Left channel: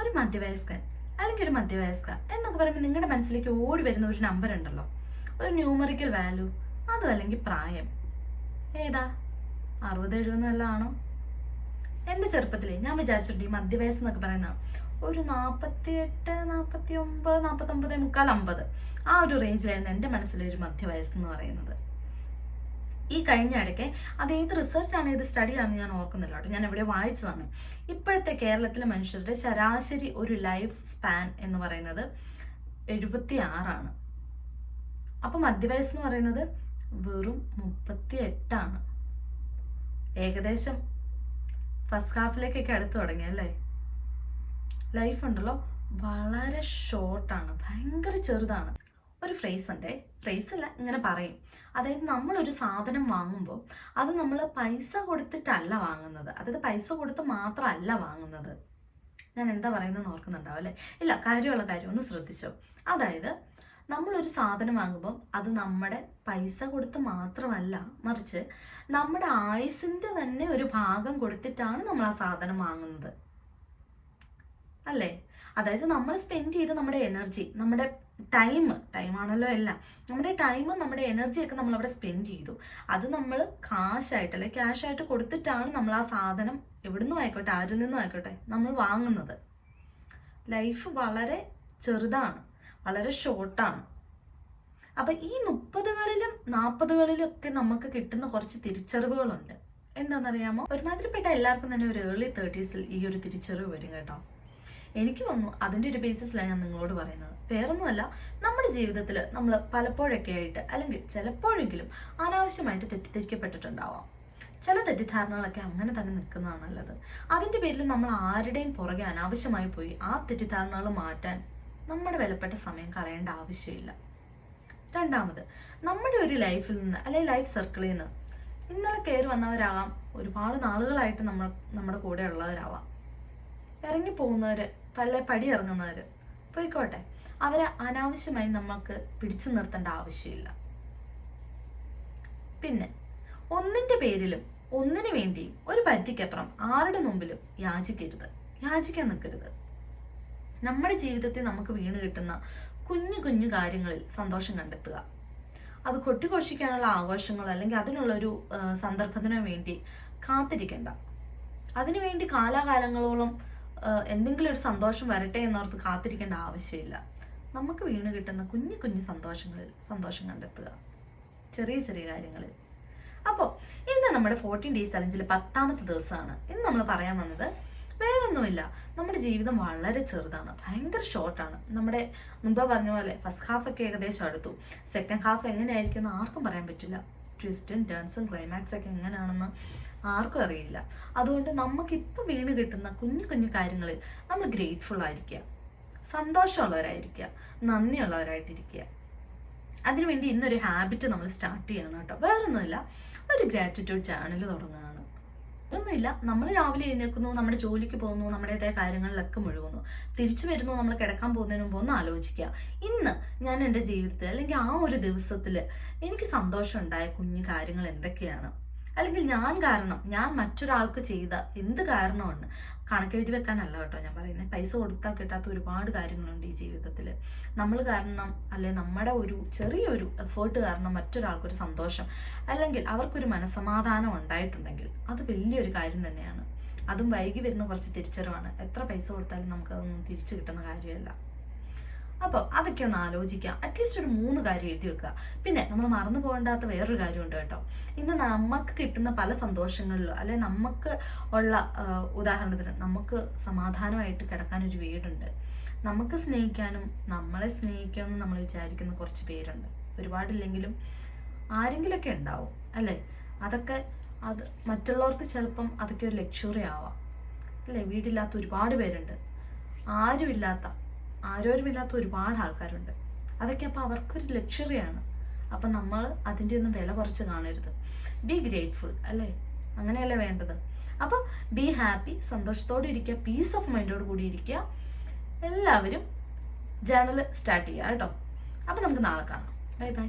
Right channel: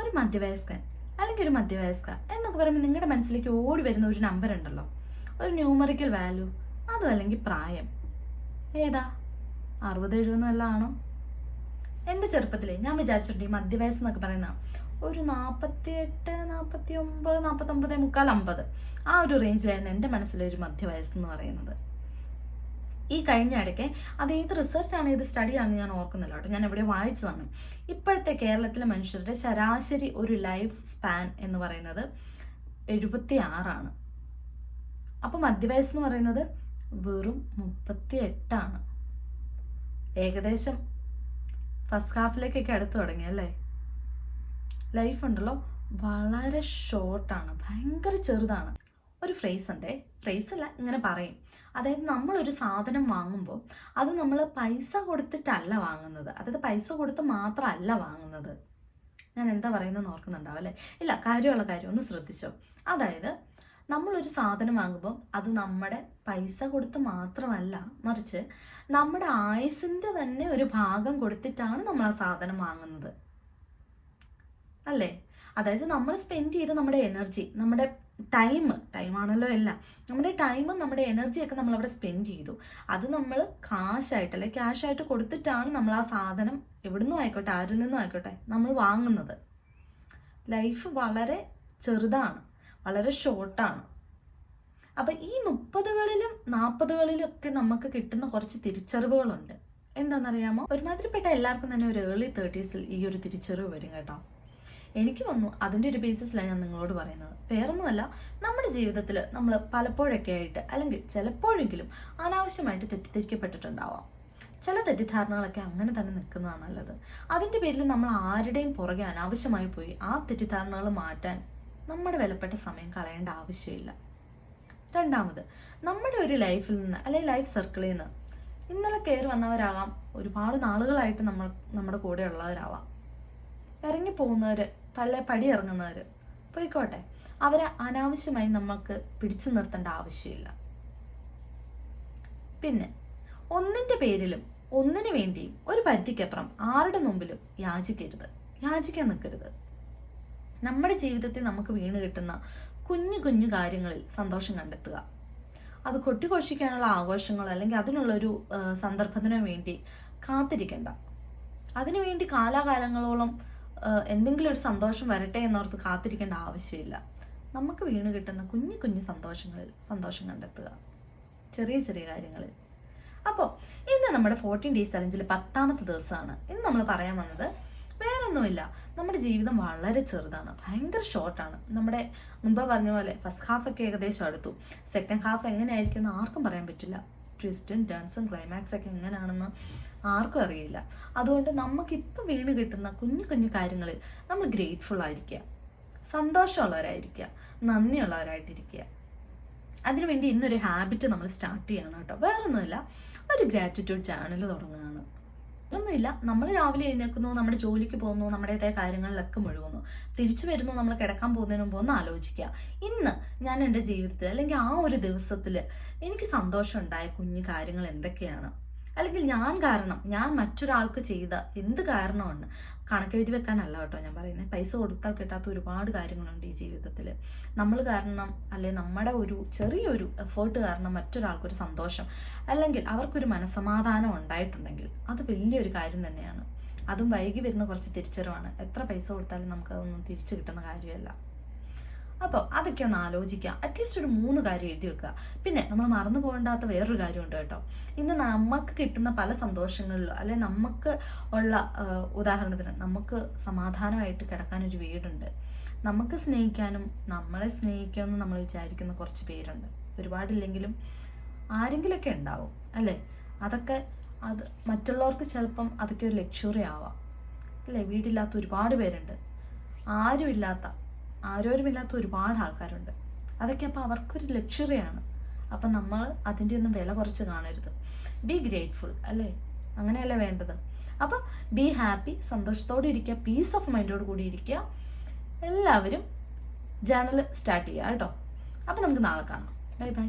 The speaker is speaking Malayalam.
ഒരു മധ്യവയസ്കൻ അല്ലെങ്കിൽ ഒരു മധ്യവയസ്ക എന്നൊക്കെ പറയുമ്പോൾ നിങ്ങളുടെ മനസ്സിലേക്ക് ഓടി വരുന്ന ഒരു നമ്പർ ഉണ്ടല്ലോ, ഒരു ന്യൂമറിക്കൽ വാല്യൂ, അതും അല്ലെങ്കിൽ പ്രായം. ഏതാ? 60-70 വല്ല ആണോ? എൻ്റെ ചെറുപ്പത്തിലെ ഞാൻ വിചാരിച്ചിട്ടുണ്ട് ഈ മധ്യവയസ്സ് എന്നൊക്കെ പറയുന്ന ഒരു 48, 49, 49 മുക്കാൽ 50 ആ ഒരു റേഞ്ചിലായിരുന്നു എൻ്റെ മനസ്സിലെ ഒരു മധ്യവയസ്സ് എന്ന് പറയുന്നത്. ഈ കഴിഞ്ഞ ഇടയ്ക്ക് അത് ഏത് റിസർച്ചാണ്, ഏത് സ്റ്റഡിയാണെന്ന് ഞാൻ ഓർക്കുന്നില്ല കേട്ടോ, ഞാൻ എവിടെ വായിച്ചതാണ്. ഇപ്പോഴത്തെ കേരളത്തിലെ മനുഷ്യരുടെ ശരാശരി ഒരു ലൈഫ് സ്പാൻ എന്ന് പറയുന്നത് 76. അപ്പൊ മധ്യവയസ്സ് എന്ന് പറയുന്നത് വെറും 38. ഏകദേശം ഫസ്റ്റ് ഹാഫിലേക്കൊക്കെ അടുത്ത് തുടങ്ങി അല്ലേ? ലൈഫ് ഉണ്ടല്ലോ വളരെ ഷോർട്ടാണ്, ഭയങ്കര ചെറുതാണ്. ഒരു ഫ്രേസ് ഉണ്ട്, ഫ്രേസ് അല്ല, ഇങ്ങനെ പറയും. അതായത് നമ്മളൊരു സാധനം വാങ്ങുമ്പോൾ അത് നമ്മൾ പൈസ കൊടുത്തിട്ടല്ല വാങ്ങുന്നത്, അതായത് പൈസ കൊടുത്ത് മാത്രമല്ല വാങ്ങുന്നത്. ഞാൻ എന്താ പറയുന്നത് ഓർക്കുന്നുണ്ടാവും അല്ലേ? ഇല്ല, കാര്യമുള്ള കാര്യം ഒന്ന് ശ്രദ്ധിച്ചോ. അതായത് നമ്മളൊരു സാധനം വാങ്ങുമ്പോൾ അത് നമ്മുടെ പൈസ കൊടുത്ത് മാത്രമല്ല, മറിച്ച് നമ്മുടെ ആയുസിന്റെ തന്നെ ഒരു ഭാഗം കൊടുത്തിട്ടാണ് നമ്മൾ ആ സാധനം വാങ്ങുന്നത് അല്ലേ? അതായത് നമ്മൾ സ്പെൻഡ് ചെയ്ത് നമ്മുടെ എനർജി, നമ്മുടെ ടൈമാണല്ലോ എല്ലാം, നമ്മുടെ ടൈമും നമ്മുടെ എനർജിയൊക്കെ നമ്മൾ അവിടെ സ്പെൻഡ് ചെയ്തു. അത് നമ്മൾ കാശായിട്ട് അല്ലെ ക്യാഷായിട്ട് കൊടുത്തിട്ടാണ് നമ്മൾ ആ സാധനം എവിടുന്നും ആയിക്കോട്ടെ, ആരിൽ നിന്നും ആയിക്കോട്ടെ നമ്മൾ വാങ്ങുന്നത്. ലൈഫ് വളരെ ചെറുതാണ്, വളരെ ഷോർട്ടാണ്. അപ്പൊ ഈ 30കളിലും 40കളിലും ഒക്കെ നമുക്ക് കിട്ടുന്ന കുറച്ച് തിരിച്ചറിവുകളുണ്ട്. എന്താണെന്നറിയാമോ? ഒരുമാതിരിപ്പെട്ട എല്ലാവർക്കും തന്നെ ഒരു ഏർലി 30s ഈ ഒരു തിരിച്ചറിവ് വരും കേട്ടോ. എനിക്ക് വന്നു, അതിൻ്റെ ഒരു ബേസിസിലാണ് ഞാൻ നിങ്ങളോട് പറയുന്നത്. വേറൊന്നുമല്ല, നമ്മുടെ ജീവിതത്തിൽ നമ്മൾ പലപ്പോഴൊക്കെ ആയിട്ട് അല്ലെങ്കിൽ ചിലപ്പോഴെങ്കിലും അനാവശ്യമായിട്ട് തെറ്റിദ്ധരിക്കപ്പെട്ടിട്ടുണ്ടാവാം. ചില തെറ്റിദ്ധാരണകളൊക്കെ അങ്ങനെ തന്നെ നിൽക്കുന്നതാണ് നല്ലത്. അതിൻ്റെ പേരിൽ നമ്മൾ ആരുടെയും പുറകെ അനാവശ്യമായി പോയി ആ തെറ്റിദ്ധാരണകൾ മാറ്റാൻ നമ്മുടെ വിലപ്പെട്ട സമയം കളയേണ്ട ആവശ്യമില്ല. രണ്ടാമത്, നമ്മുടെ ഒരു ലൈഫിൽ നിന്ന് അല്ലെങ്കിൽ ലൈഫ് സർക്കിളിൽ നിന്ന് ഇന്നലെ കയറി വന്നവരാകാം, ഒരുപാട് നാളുകളായിട്ട് നമ്മുടെ കൂടെ ഉള്ളവരാവാം. ഇറങ്ങിപ്പോകുന്നവര്, പടി ഇറങ്ങുന്നവര് പോയിക്കോട്ടെ, അവരെ അനാവശ്യമായി നമുക്ക് പിടിച്ചു നിർത്തേണ്ട ആവശ്യമില്ല. പിന്നെ ഒന്നിന്റെ പേരിലും ഒന്നിനു വേണ്ടിയും ഒരു പരിധിക്കപ്പുറം ആരുടെ മുമ്പിലും യാചിക്കാൻ നിൽക്കരുത്. നമ്മുടെ ജീവിതത്തിൽ നമുക്ക് വീണ് കിട്ടുന്ന കുഞ്ഞു കുഞ്ഞു കാര്യങ്ങളിൽ സന്തോഷം കണ്ടെത്തുക. അത് കൊട്ടിഘോഷിക്കാനുള്ള ആഘോഷങ്ങളോ അല്ലെങ്കിൽ അതിനുള്ളൊരു സന്ദർഭത്തിനോ വേണ്ടി കാത്തിരിക്കണ്ട. അതിനുവേണ്ടി കാലാകാലങ്ങളോളം എന്തെങ്കിലും ഒരു സന്തോഷം വരട്ടെ എന്നോർത്ത് കാത്തിരിക്കേണ്ട ആവശ്യമില്ല. നമുക്ക് വീണ് കിട്ടുന്ന കുഞ്ഞു കുഞ്ഞു സന്തോഷങ്ങളിൽ സന്തോഷം കണ്ടെത്തുക, ചെറിയ ചെറിയ കാര്യങ്ങളിൽ. അപ്പോൾ ഇന്ന് നമ്മുടെ 14 ഡേയ്സ് ചലഞ്ചിൽ 10ാമത്തെ ദിവസമാണ്. ഇന്ന് നമ്മൾ പറയാൻ വന്നത് വേറൊന്നുമില്ല, നമ്മുടെ ജീവിതം വളരെ ചെറുതാണ്, ഭയങ്കര ഷോർട്ടാണ്. നമ്മുടെ മുമ്പ് പറഞ്ഞ പോലെ ഫസ്റ്റ് ഹാഫ് ഒക്കെ ഏകദേശം അടുത്തു. സെക്കൻഡ് ഹാഫ് എങ്ങനെയായിരിക്കും എന്ന് ആർക്കും പറയാൻ പറ്റില്ല. ട്വിസ്റ്റും ടേൺസും ക്ലൈമാക്സ് ഒക്കെ എങ്ങനെയാണെന്ന് ആർക്കും അറിയില്ല. അതുകൊണ്ട് നമുക്കിപ്പോൾ വീണ് കിട്ടുന്ന കുഞ്ഞു കുഞ്ഞു കാര്യങ്ങളിൽ നമ്മൾ ഗ്രേറ്റ്ഫുൾ ആയിരിക്കുക, സന്തോഷമുള്ളവരായിരിക്കുക, നന്ദിയുള്ളവരായിട്ടിരിക്കുക. അതിനുവേണ്ടി ഇന്നൊരു ഹാബിറ്റ് നമ്മൾ സ്റ്റാർട്ട് ചെയ്യണം കേട്ടോ. വേറൊന്നുമില്ല, ഒരു ഗ്രാറ്റിറ്റ്യൂഡ് ചാനൽ തുടങ്ങുകയാണ്. ഒന്നുമില്ല, നമ്മൾ രാവിലെ എഴുന്നേൽക്കുന്നു, നമ്മുടെ ജോലിക്ക് പോകുന്നു, നമ്മുടേതായ കാര്യങ്ങളിലൊക്കെ മുഴുകുന്നു, തിരിച്ചു വരുന്നു, നമ്മൾ കിടക്കാൻ പോകുന്നതിന് മുമ്പ് ഒന്ന് ആലോചിക്കുക, ഇന്ന് ഞാൻ എൻ്റെ ജീവിതത്തിൽ അല്ലെങ്കിൽ ആ ഒരു ദിവസത്തിൽ എനിക്ക് സന്തോഷം ഉണ്ടായ കുഞ്ഞു കാര്യങ്ങൾ എന്തൊക്കെയാണ്, അല്ലെങ്കിൽ ഞാൻ മറ്റൊരാൾക്ക് ചെയ്ത എന്ത് കാരണമാണ്. കണക്കെഴുതി വെക്കാനല്ല കേട്ടോ ഞാൻ പറയുന്നത്. പൈസ കൊടുത്താൽ കിട്ടാത്ത ഒരുപാട് കാര്യങ്ങളുണ്ട് ഈ ജീവിതത്തിൽ. നമ്മൾ കാരണം അല്ലെ നമ്മുടെ ഒരു ചെറിയൊരു എഫേർട്ട് കാരണം മറ്റൊരാൾക്കൊരു സന്തോഷം അല്ലെങ്കിൽ അവർക്കൊരു മനസ്സമാധാനം ഉണ്ടായിട്ടുണ്ടെങ്കിൽ അത് വലിയൊരു കാര്യം തന്നെയാണ്. അതും വൈകി വരുന്ന കുറച്ച് തിരിച്ചറിവാണ്. എത്ര പൈസ കൊടുത്താലും നമുക്കതൊന്നും തിരിച്ചു കിട്ടുന്ന കാര്യമല്ല. അപ്പോൾ അതൊക്കെ ഒന്ന് ആലോചിക്കുക. അറ്റ്ലീസ്റ്റ് ഒരു 3 കാര്യം എഴുതി വെക്കുക. പിന്നെ നമ്മൾ മറന്നു പോകേണ്ടാത്ത വേറൊരു കാര്യമുണ്ട് കേട്ടോ. ഇന്ന് നമുക്ക് കിട്ടുന്ന പല സന്തോഷങ്ങളിലോ അല്ലെ നമുക്ക് ഉള്ള ഉദാഹരണത്തിന് നമുക്ക് സമാധാനമായിട്ട് കിടക്കാനൊരു വീടുണ്ട്, നമുക്ക് സ്നേഹിക്കാനും നമ്മളെ സ്നേഹിക്കാമെന്ന് നമ്മൾ വിചാരിക്കുന്ന കുറച്ച് പേരുണ്ട്. ഒരുപാടില്ലെങ്കിലും ആരെങ്കിലുമൊക്കെ ഉണ്ടാവും അല്ലേ? അത് മറ്റുള്ളവർക്ക് ചിലപ്പം അതൊക്കെ ഒരു ലക്ഷറി ആവാം അല്ലേ? വീടില്ലാത്ത ഒരുപാട് പേരുണ്ട്, ആരോരുമില്ലാത്ത ഒരുപാട് ആൾക്കാരുണ്ട്. അതൊക്കെ അപ്പോൾ അവർക്കൊരു ലക്ഷറിയാണ്. അപ്പം നമ്മൾ അതിൻ്റെ ഒന്നും വില കുറച്ച് കാണരുത്. ബി ഗ്രേറ്റ്ഫുൾ അല്ലേ? അങ്ങനെയല്ലേ വേണ്ടത്? അപ്പം ബി ഹാപ്പി, സന്തോഷത്തോടെ ഇരിക്കുക, പീസ് ഓഫ് മൈൻഡോട് കൂടി ഇരിക്കുക. എല്ലാവരും ജേർണൽ സ്റ്റാർട്ട് ചെയ്യുക കേട്ടോ. അപ്പം നമുക്ക് നാളെ കാണാം. Bye bye.